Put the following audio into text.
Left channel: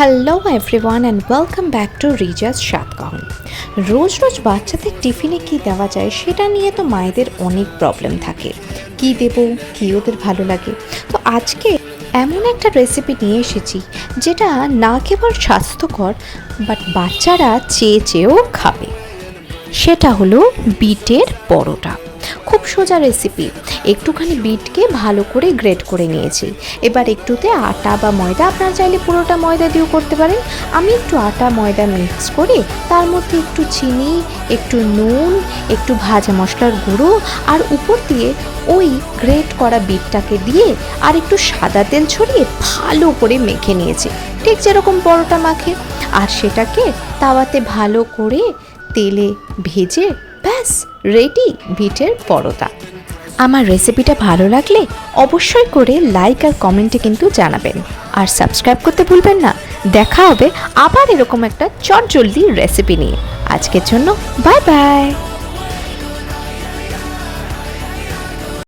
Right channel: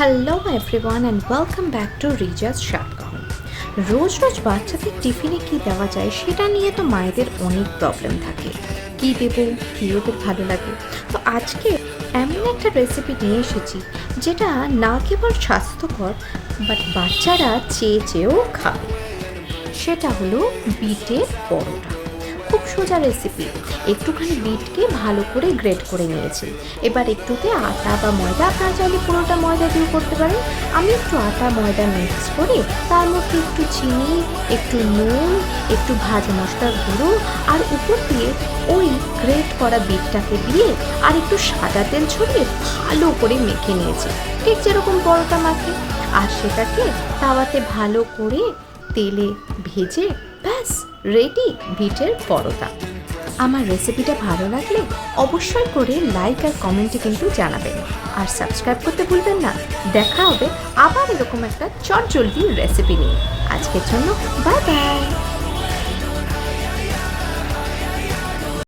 Hello everyone and welcome back to রিজাস সাতকাহন। রোজ রোজ বাচ্চাদের টিফিনে কী দেওয়া যায় সেটা নিয়ে তো মায়েদের অনেক প্রবলেম থাকে। কী দেবো, কী ওদের ভালো লাগে। তো আজকে এমন একটা রেসিপি নিয়ে এসেছি যেটা না কেবল স্বাস্থ্যকর বাট বাচ্চারা চেয়েও খাবে। সেটা হলো বিটের পরোটা। খুব সোজা রেসিপি। একটুখানি বিটকে ভালো করে গ্রেট করে নিয়েছি। এবার একটুতে আটা বা ময়দা, আপনারা চাইলে পুরোটা ময়দা দিয়েও করতে পারেন। আমি একটু আটা ময়দা মিক্স করে তার মধ্যে একটু চিনি, একটু নুন, একটু ভাজা মশলার গুঁড়ো আর উপর দিয়ে ওই গ্রেট করা বিটটাকে দিয়ে আর একটু সাদা তেল ছড়িয়ে ভালো করে মেখে নিয়েছি, ঠিক যেরকম পরোটা মাখে। আর সেটাকে তাওয়াতে ভালো করে তেলে ভেজে ব্যাস রেডি বিটের পরোটা। আমার রেসিপিটা ভালো লাগলে অবশ্যই করে লাইক আর কমেন্টে কিন্তু জানাবেন, আর সাবস্ক্রাইব করতে ভুলবেন না। দেখা হবে আবার এরকম একটা চটজলদি রেসিপি নিয়ে। আজকের জন্য বাই বাই।